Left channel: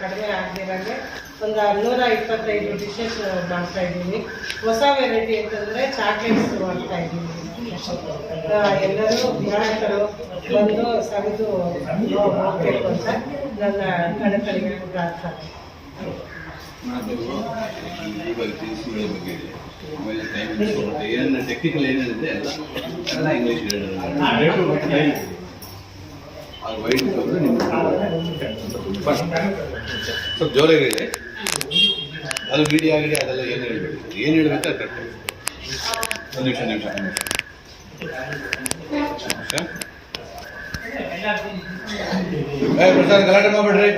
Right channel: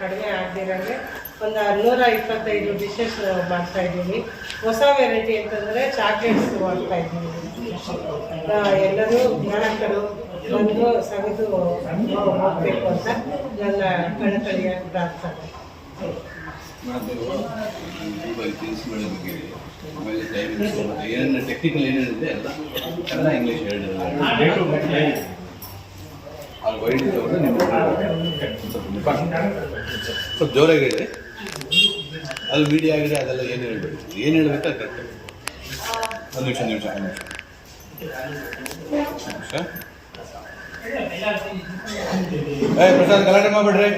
ಕಡಿಮೆ ಆಗದಿರಂಗೆ ಒಂದು 125 ಡಿಶಸ್ ಮಾಡ್ತಾ ಇದ್ದೀವಿ. ಹೊಸ ವೆರೈಟಿ ಅಂತಂದರೆ ಚಾಕ್ಲೇಟ್ಸ್ ಮಾಡ್ತಾ ಇದ್ದೀವಿ. ಎಲ್ಲರೂ ಗ್ರಾಹಕರು ಬಂದು ಸವಿದು ಹೋಗಬೇಕು ಅಂತ ನನ್ನ ಕಳಕಳಿಯ ಪ್ರಾರ್ಥನೆ. ಇವಾಗ ತಿಳಿಸಿಕೊಳ್ಳೋ ಬಗ್ಗೆ ಆಮೇಲೆ ಟೈಮ್ ಏನು ಟೆಕ್ನಿಕಲ್ ಏನೇನಿದೆ ಎಲ್ಲ ಇಂಗ್ಲೀಷ್ ಹೇಳಿದ್ರೆ ಅದು ವೈಟ್ ಇದ್ದವರು ನಿಮ್ಗೆ ಸ್ವಲ್ಪ ಜೋರಾಗಿ ಹೇಳಿ. ಅದು ಮೀಡಿಯಾ ಆಗಿದೆ ಅದೆಲ್ಲ ಏನು ಹೇಳ್ಬೇಡಿ, ಏನು ಹೇಳ್ಬೇಕು ಅದು ಕರೆಕ್ಟ್. ಒಂದು ನಿಮಿಷ ಪ್ರಸಾದ್ ಗಲಾಟೆ ಮಾಡಬೇಡ್ರಿ.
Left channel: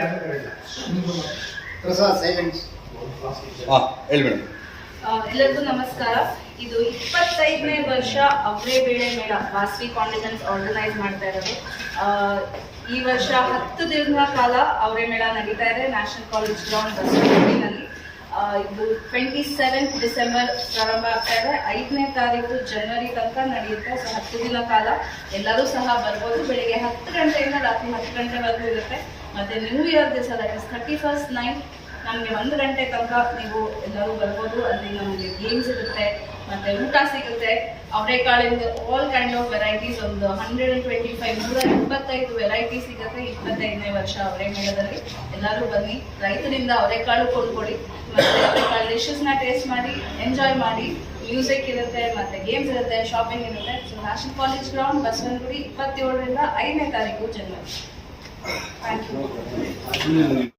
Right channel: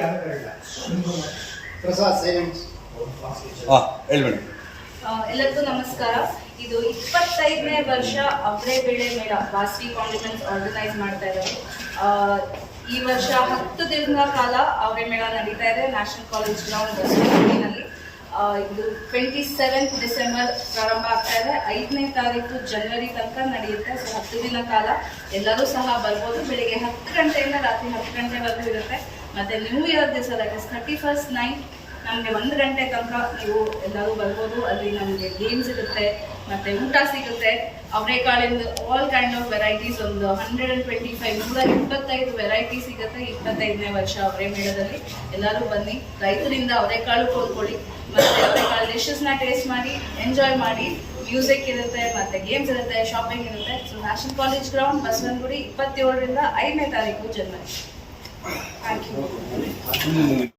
ಹಾಂ ಹೇಳ್ಬೇಡಿ. ಎಲ್ಲರಿಗೂ ನಮಸ್ಕಾರ. ಇದು 25ನೇ ವರ್ಷ ಅವರೇ ಬೇಳೆ ಮೇಳ ವಾಸ್ವಿ ಕಾಂಡಿಮೆಂಟ್ಸ್ ಆರ್ಗನೈಸ್ ಮಾಡ್ತಾ ಇರೋದು. ಈ ವರ್ಷ 10 ದಿನಗಳ ಕಾಲ ಅವರೇ ಮೇಳ ನಡೀತಾ ಇದೆ ನ್ಯಾಷನಲ್ ಕಾಲೇಜ್ ಗ್ರೌಂಡ್ ಬಸವನಗುಡಿನಲ್ಲಿ. ಇದು 27 ಡಿಸೆಂಬರ್ ಪ್ರಾರಂಭ ಆಗ್ತಾ ಇದೆ, 5ನೇ ತಾರೀಕು ಜನವರಿ ತನಕ ನಡೆಯುತ್ತೆ. ಸೊ 10 ದಿನ ಕಾಲ ಎಲ್ಲರೂ ಸಹ ಬರ್ಬೋದು. ಬೆಳಿಗ್ಗೆ 10 ಗಂಟೆಯಿಂದ ರಾತ್ರಿ 10 ಗಂಟೆವರೆಗೂ ಇರುತ್ತೆ. ಮತ್ತು ನ್ಯೂ ಇಯರ್ ದಿವಸ 31st ನೈಟ್ ನಮಗೆ 1 ಗಂಟೆ ತನಕ ನೀವು ಎಲ್ಲರೂ ಬರ್ಬೋದು. ಅಲ್ಲಿ ನಮಗೆ ಗೇಮ್ಸ್ ಇರುತ್ತೆ ಮತ್ತು ಊಟ ಸಿಗುತ್ತೆ. ಅವರೆಕಾಳಿಂದ ಆಲ್ ಕೈಂಡ್ ಆಫ್ ವೆರೈಟೀಸ್ ಒಂದು 125 ವೆರೈಟಿ ಸಿಗುತ್ತೆ. 25ನೇ ವರ್ಷ ಅವರೇ ಮೇಳದಲ್ಲಿ ಎಲ್ಲರೂ ಬನ್ನಿ. ರೈತರಿಂದ ಅವರೆಕಾಳು ಕೊಂಡ್ಕೊಳ್ಳಿ ಮತ್ತು ಅವರೆಕಾಳು ಡಿಶಸ್ನ ಟೇಸ್ಟ್ ಮಾಡಿ ಎಂಜಾಯ್ ಮಾಡಿ. ಮ್ಯೂಸಿಕ್ ಇರುತ್ತೆ ಮತ್ತು ಗೇಮ್ಸ್ ಇರುತ್ತೆ, ಶಾಪಿಂಗ್ ಇರುತ್ತೆ. So national college ground Basavanagudi 27ರಿಂದ 5ನೇ ತಾರೀಕು ಜನವರಿ. Thank you.